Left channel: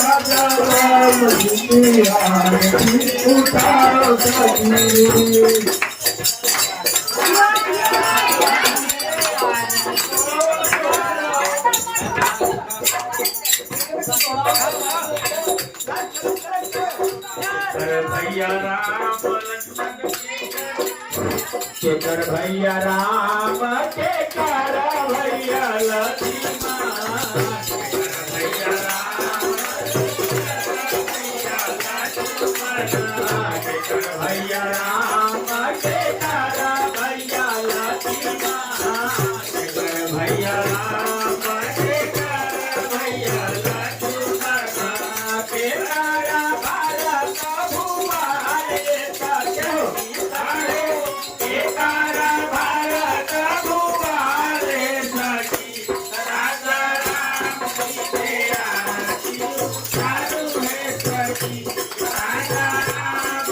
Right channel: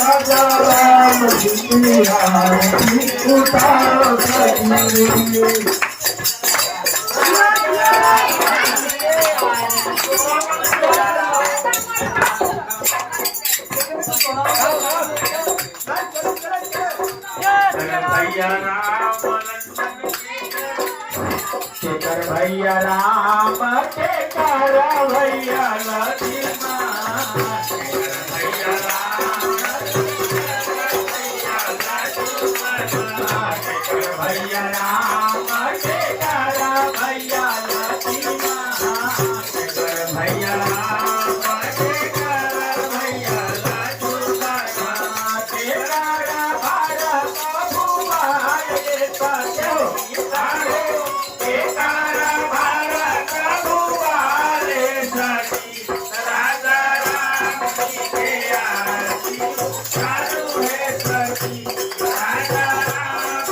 राजा राम उतारो शेखर भैया राम के कारा भैया भैया राम के कारा भैया भैया राम के कारा भैया के कारा भारत भूपाल के कारा भारत भूपाल राजा राम के आरती चालू है सखी राजा राम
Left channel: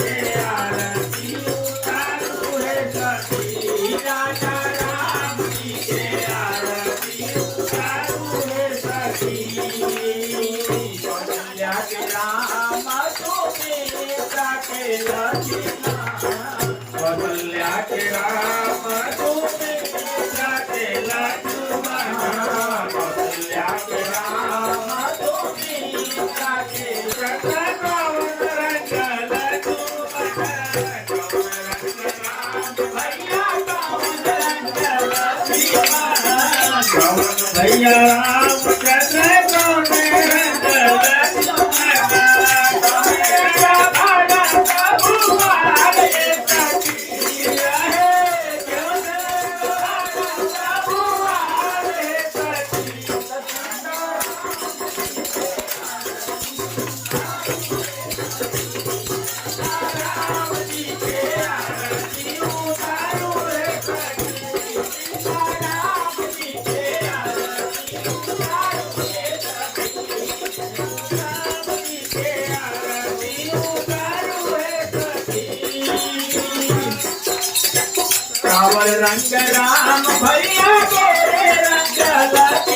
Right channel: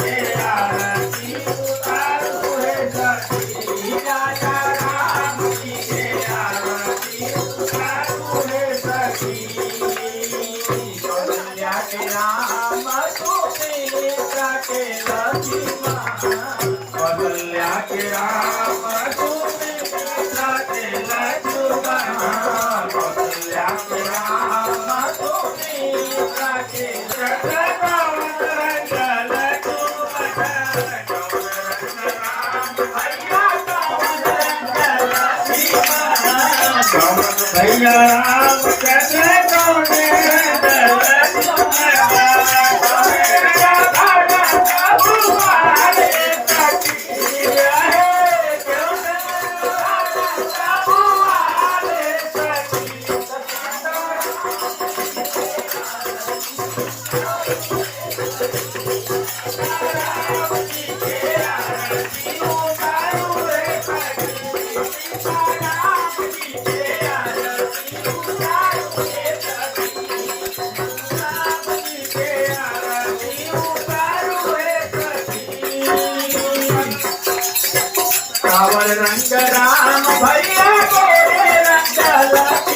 के आरती चालू है सखी राजा राम के आरती चालू है सखी कौशल्या के राम सुमित्रा के लक्ष्मण कौशल्या के राम सुमित्रा के लक्ष्मण कौशल्या के राम सुमित्रा के भैया राम कैसे रावण रंग राम भैया के रंग